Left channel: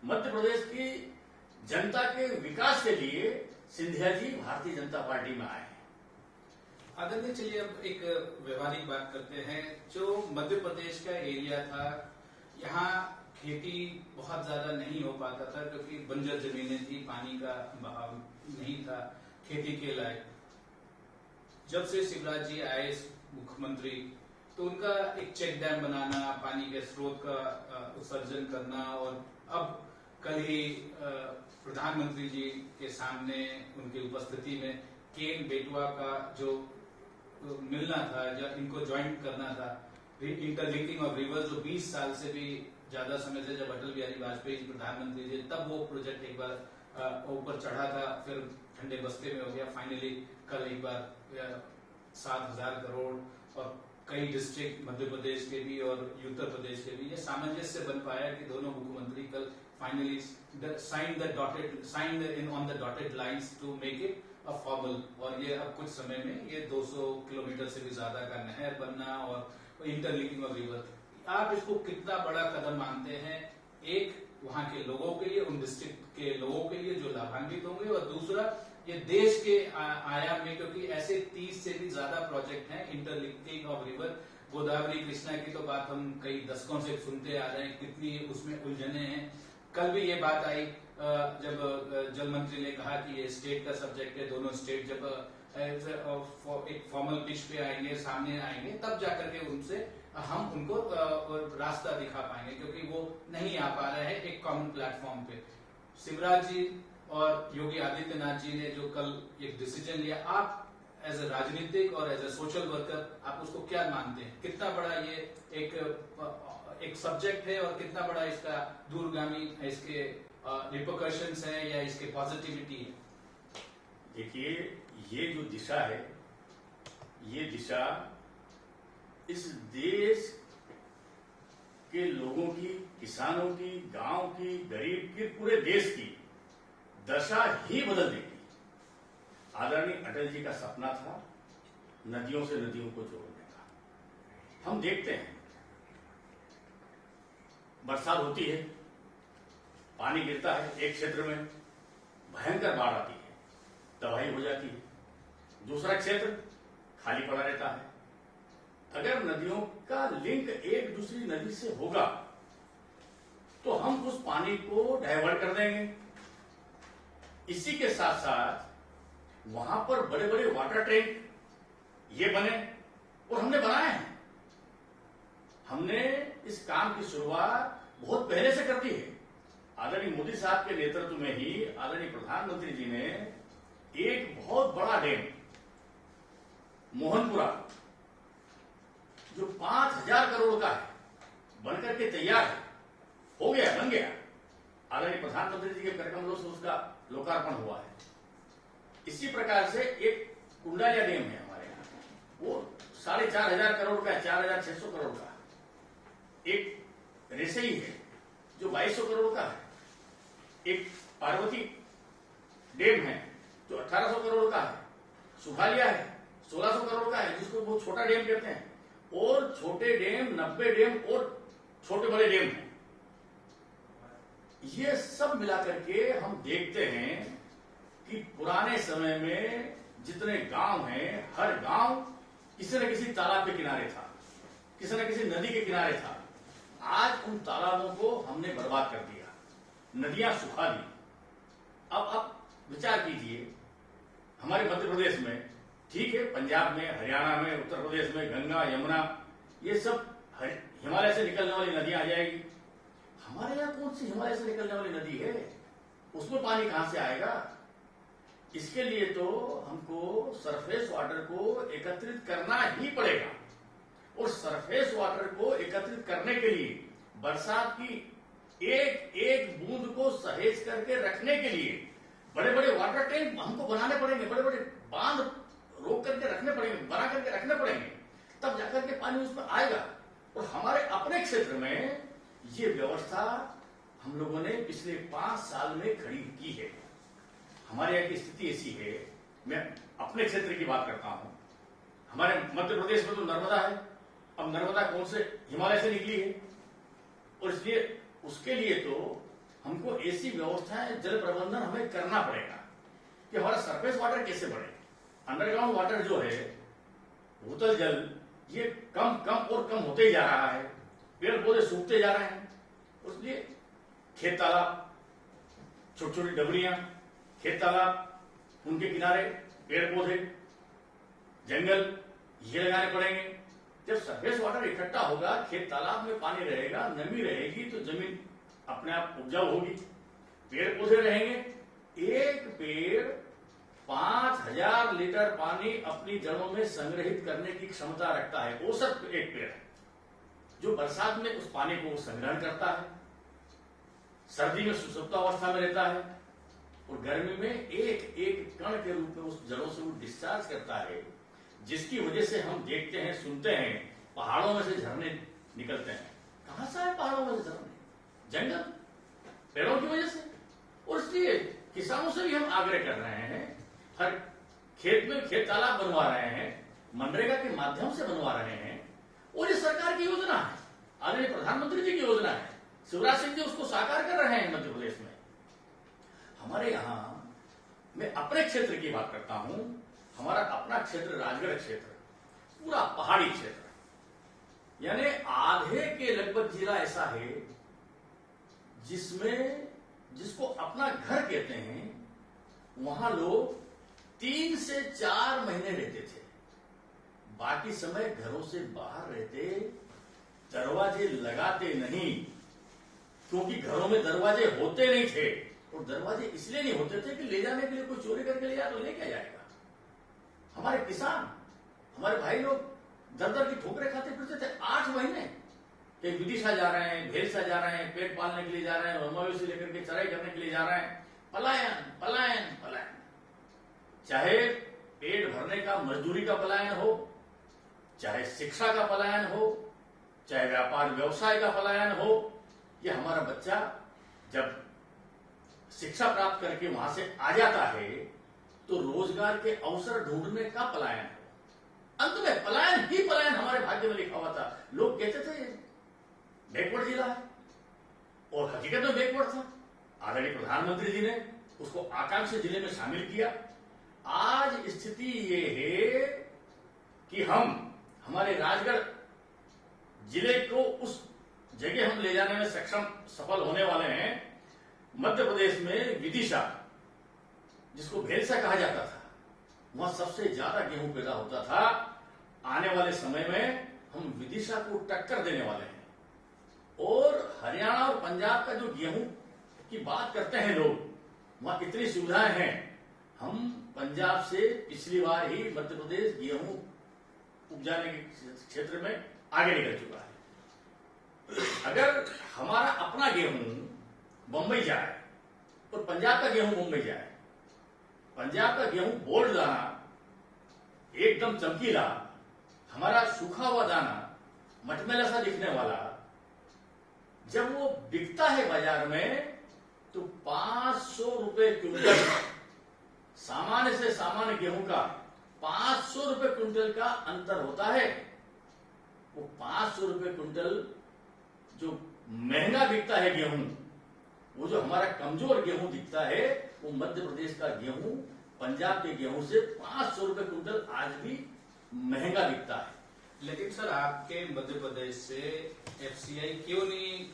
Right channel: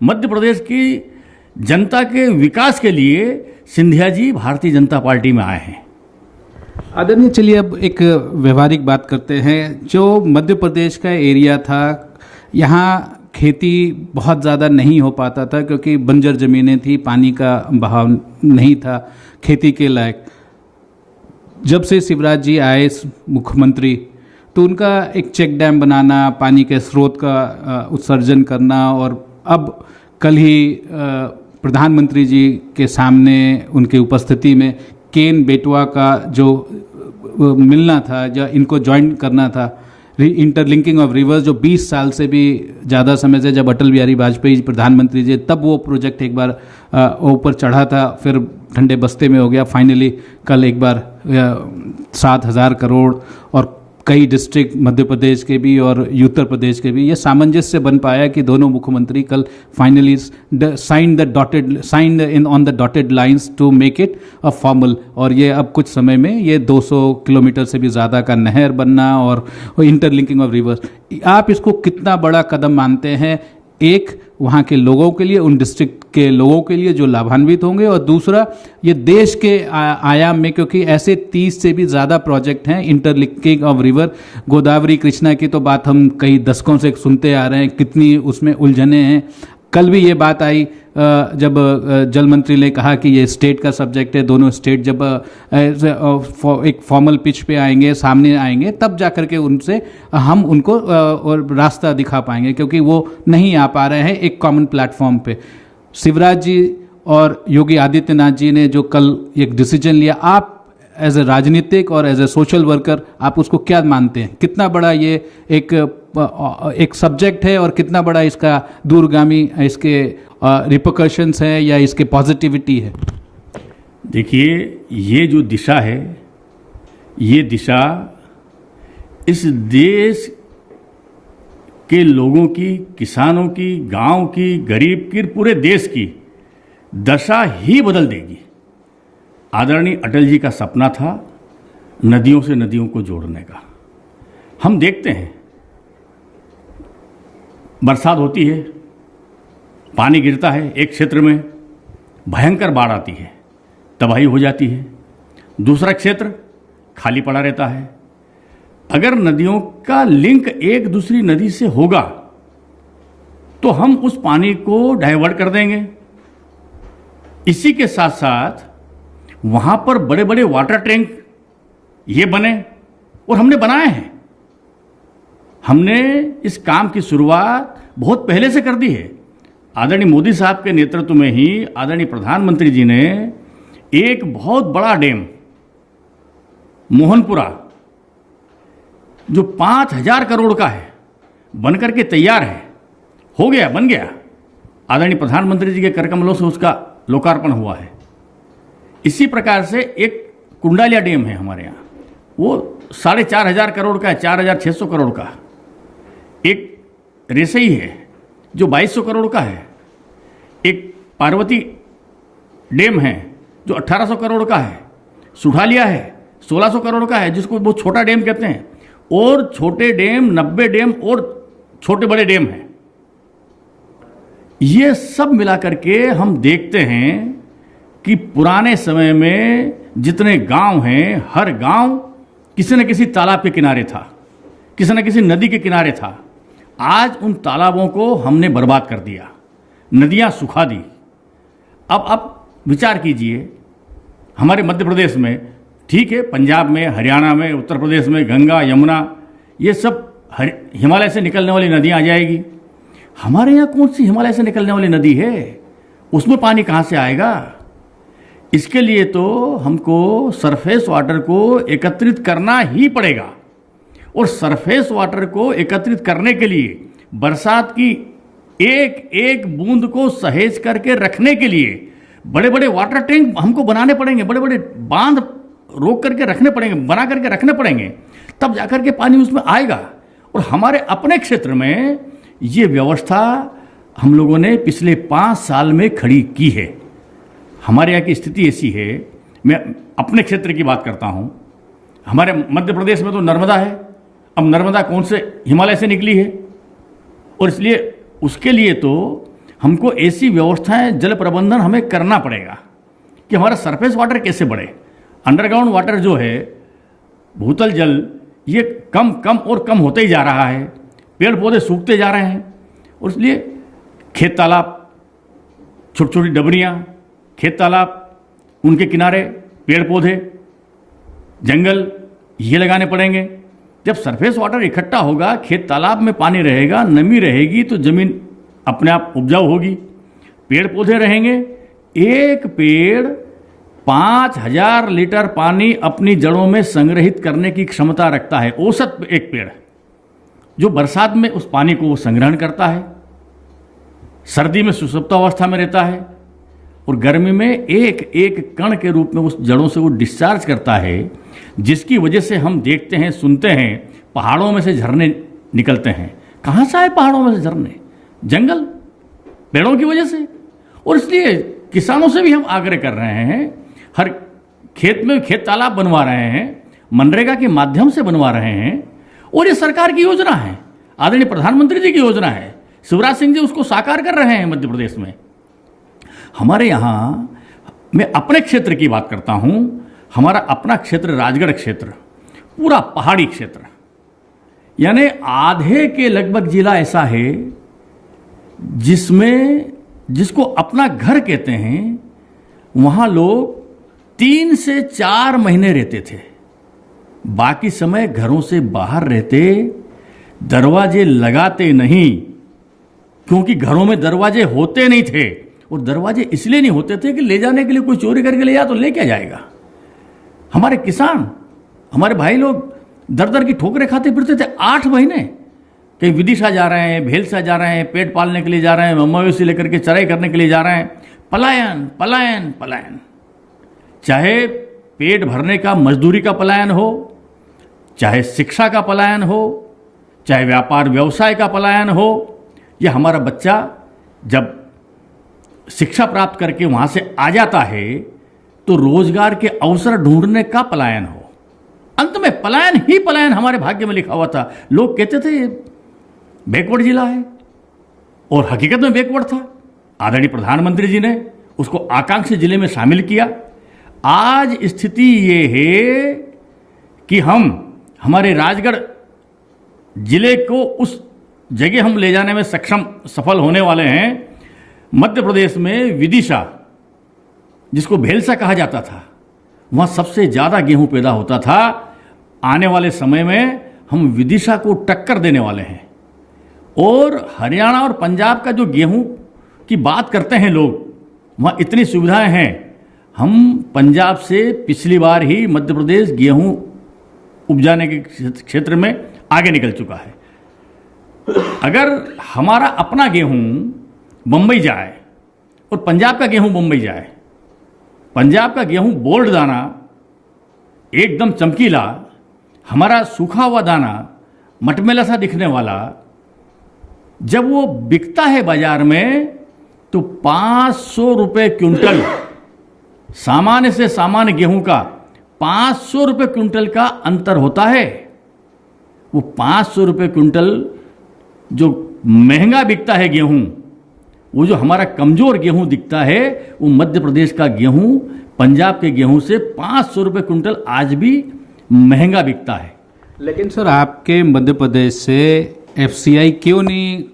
मध्य प्रदेश की जनता के विकास के लिए सिंधिया जी भारतीय जनता पार्टी में आए हैं। आदरणीय, चलिए अब एक व्यवहारिक बात करते हैं। जो मध्य प्रदेश का एरिया था, यहाँ खेती बहुत ज़्यादा नहीं हो पाता था क्योंकि बंजर ज़मीनें थी, पानी का बहाव नहीं था खेती के लायक। जब से शिवराज जी आए मुख्यमंत्री, तो उनका एक चेक डैम बनाना, पानी के स्रोत का उत्सर्जन करना, और अब कल ही प्रधानमंत्री जी के सामने उनके उपस्थिति में केन बेटवा का जो मिलना था, जो इनको ज्वाइन करना था, इंटरलिंकिंग ऑफ रिवर्स, जो 20 साल से भी ज़्यादा समय से, जब अटल बिहारी वाजपेयी प्रधानमंत्री जी, तब वो प्रोजेक्ट एक बार ऊपर चढ़ा था, फिर ठंडे बस्ते में हो गया। फाइनली कल एक बार 7,000 करोड़ और कई डिस्ट्रिक्ट मध्य प्रदेश के भी और उत्तर प्रदेश के भी, ये सामंजस्य बन पाया कि दोनों मुख्यमंत्री कल finally signed in on the dotted lines to make it a formal. और ये अब कुछ समय में ये 200 किलोमीटर से भी ज़्यादा का नहर बनना और इंटरलिंकिंग ऑफ रिवर्स, आप इसको कितना बड़ा कदम मानते हैं? एक, वहाँ के लोगों के लिए, उन डिस्ट्रिक्ट के लोगों के लिए जो लाभान्वित होंगे, और दूसरा ये देश के आयाम में, क्योंकि ऐसे 30 से भी ज़्यादा प्रोजेक्ट हैं interlinking of river. Godavari Krishna की तो बात हम कई दशकों से सुनते आ रहे हैं, कितनी उसमें उलझने हैं। कल भी ये बात आई जब जल मंत्री ने कहा कि ये स्टेट का सब्जेक्ट है, दोनों स्टेट जब एक फॉर्मल पिच पे आएंगे, सामने आएंगे, तब जा कर के उनसे हम उनको रास्ता दिखा पाएंगे, क्योंकि वो नहीं आ पा रहे हैं एक कॉमन प्लेटफॉर्म पे। शिवराज जी और योगी आदित्यनाथ जी ने जो कल एक डिसीजन लिया, आप एज ए राजनीतिक और एज ए सोशल वर्कर आप उसको क्या मानते हैं? कितना बड़ा ये एक सब्जेक्ट है और कितना बड़ा इसका दूरगामी इसके रिपरकशंस है या इसके पॉजिटिविटी है? देखिए, ये जो दिशा है, ये दिशा इस देश के लोगों की, किसानों की, गांव की, गरीब की, पूरे देश की दशा ही बदल देगी। आदरणीय अटल जी का सपना था नदियों से नदियों को जोड़ने का। हम देखते हैं, बरसात होती है, पानी गिरता है, एक क्षेत्र में भयंकर बाढ़ आती है, तबाही हो जाती है, दूसरा क्षेत्र खाली पड़ा रहता है। अगर नदियों का लिंक एक दूसरी नदी से होगा तो हम उस पानी को डाइवर्ट कर देंगे। इसी के साथ साथ वहां पर बड़े बड़े वाटर टैंक ये बने, और हमने बनाए हैं। हमने इस काम की शुरुआत बहुत पहले से कर दी है। आदरणीय मोदी साहब के नेतृत्व में ही आदरणीय प्रधानमंत्री जी ने एक बहुत बड़ा डैम मोहनपुरा, जो 5,000 करोड़ का है, बनकर के तैयार है, हो गया, बन गया। आदरणीय प्रधानमंत्री जी के कर कमलों से उसका लोकार्पण हुआ है। इसी प्रकार से एक कुंडालिया डैम है हमारे यहाँ, वो 4,500 करोड़ का है, 4,600 करोड़ का। एक रेसई है जो 2,200 करोड़ का है। एक पार्वती डैम है जो 1,800 करोड़ का है। सुठालिया है 1,600 करोड़ का है, जिसको वो छोटा डैम कहते हैं। और छोटे डैम 90 डैम और छोटे बड़े डैम हैं। ये सब मिलाकर के हम देखते हैं कि पुराने समय में जितने गांव हैं, हर गांव किसी न किसी तालाब के किनारे था, किसी न किसी नदी के किनारे था। आज उन तालाबों को हमने बर्बाद कर दिया, नदियां सुखा दी। अब आप विचार कीजिए, हमारे मध्य प्रदेश में, ठीक है, पंजाब में, हरियाणा में, उत्तर प्रदेश में गंगा, यमुना, ये सब हिमालय से निकलने वाली नदियां आ जाएगी। हमारे यहाँ कौन सी हिमालय से निकलने वाली नदी है? उसमें पानी कहाँ से आएगा? इसके लिए तो हमको सरफेस वाटर को एकत्रित करना ही पड़ेगा। और सरफेस वाटर को एकत्रित करने के लिए, बरसात की एक एक बूंद को सहेज करके रखने के लिए बड़े बड़े वाटर टैंक हमको बनाने पड़ेंगे, बड़े बड़े बांध रोक करके रखने पड़ेंगे, बना करके रखने पड़ेंगे, तब जाकर के पानी उसमें आएगा। और हमारे अपने क्षेत्र में ये व्यवस्था हम लोगों ने पिछले 5 साल में खड़ी की है। हमारे यहाँ की स्थिति ऐसी है, मैं अपने क्षेत्र की बात करता हूँ। हमारे मध्य प्रदेश में तो नर्मदा है। अब नर्मदा कौन से हिमालय से निकली है, और इसलिए उसके लिए तो हमको ऐसी व्यवस्थाएं जल प्रबंधन हमें करना पड़ेगा कि हमारा सरफेस वाटर कैसे बढ़े। अंडरग्राउंड वाटर जो है, भूतल जल, ये कम कम और कम होते ही जा रहा है, पेड़ पौधे सूखते जा रहे हैं, और इसलिए खेत तालाब, छोटी छोटी डबरियाँ, खेत तालाब, उनके किनारे पेड़ पौधे, जंगल, ये लगाने पड़ेंगे। जब सरफेस वाटर इकट्ठा होगा, खेत तालाब में पानी रहेगा, नमी रहेगी, तो ज़मीन अपने आप उपजाऊ होगी, पेड़ पौधे रहेंगे। एक पेड़ 5000 लीटर पानी अपनी जड़ों में संग्रहित करने की क्षमता रखता है, औसत एक पेड़, जो बरसात में उस पानी को वो संग्रहण करता है, सर्दी में सुषुप्तावस्था में रहता है, और गर्मी में एक एक कण के रूप में उस जड़ों से वो डिस्चार्ज करता है, जिसकी वजह से हम देखते हैं, सुनते हैं, पहाड़ों में से झरने निकलते हैं। कहाँ से आए पहाड़ों में से झरने? जंगल, पेड़ों की वजह से। और इसलिए किसानों से भी हम आग्रह कर रहे हैं, हर खेत में खेत तालाब बनवा रहे हैं, मनरेगा के माध्यम से बनवा रहे हैं, और ये सरकार की योजना है, आदरणीय प्रधानमंत्री जी की योजना है। शिवराज सिंह जी उसको साकार कर रहे हैं मध्य प्रदेश में। हमारे यहाँ, मैं अपने क्षेत्र की बात करता हूँ, हमारा अपना क्षेत्र राजगढ़ क्षेत्र, पूरा पहाड़ी क्षेत्र, यानी आधे के लगभग जिला ऐसा है जिसको अपना घर कहते हैं। वहाँ लोग 3 से 4 महीने रहते थे, बाकी समय घरों से बाहर रहते, दरवाजे लगाते नहीं, क्योंकि घरों में दरवाजे होते नहीं थे। और दरवाजे इसलिए नहीं होते थे कि ले जाने के लिए कोई चोरी करके ले जा तो ले क्या जाएगा। हमारे किसान, हमारे भाई लोग दर दर की ठोकरें खाते फिरते थे 8 महीने। कहीं विदिशा जा रहे हैं, भेलसा जा रहे हैं, पेट पालने के लिए जा रहे हैं, मवेशी लेकर के चराई करने के लिए जा रहे हैं। पलायन पलायन पलायन, चाहे पेट भरने का मजदूरी का पलायन हो, चाहे शिक्षा का पलायन हो, चाहे व्यापार व्यवसाय का पलायन हो, या हमारा बच्चा जब शिक्षा प्राप्त करके वहाँ से आ जाता है तो रोजगार के अवसर ढूंढने का पलायन हो। अंत में पलायन ही पलायन हमारे भाग्य में लिखा हुआ था। लोग कहते थे बैकवर्ड जिला है, और हकीकत में बैकवर्ड था। आदरणीय प्रधानमंत्री जी ने उसको आकांक्षी जिले में शामिल किया। आज स्थिति ये है कि हम हमारे राजगढ़ जिले को उस जगह हम ले जाने में सफल होने वाले हैं। मध्य प्रदेश में विदिशा, जिसको भेलसा कहा जाता था, वहाँ सबसे ज़्यादा गेहूं पैदा होता था। आने वाले समय में हम विदिशा को टक्कर देने वाले हैं। और हरियाणा और पंजाब का जो गेहूं की बात करते हैं लोग, वहाँ इतनी सुविधाएं हैं। हम पंजाब से पिछली बार ही मध्य प्रदेश गेहूं उपजाने के क्षेत्र में आगे निकल चुका है। अगर हमारा अपना गेहूं बम्बई जाए और पंजाब का गेहूं बम्बई जाए, पंजाब का गेहूं बोल्ड दाना एकदम चमकीला, हमारा सूखा हुआ दाना मटमेला सा दिखने वाला, जब वो बिकता है बाजार में तो 500 रुपये क्विंटल, सामान्य से सामान्य गेहूं का 500 रुपये क्विंटल का अंतर होता है। वो 500 रुपये क्विंटल जो महंगा बिकता है गेहूं, वो जो हमारा कमज़ोर गेहूं दिखता है, वो मध्य प्रदेश का गेहूं पंजाब के गेहूं से 500 रुपये क्विंटल आज भी महंगा बिकता है। लेकिन सर, आपके मध्य प्रदेश से एफसीआई क्यों नहीं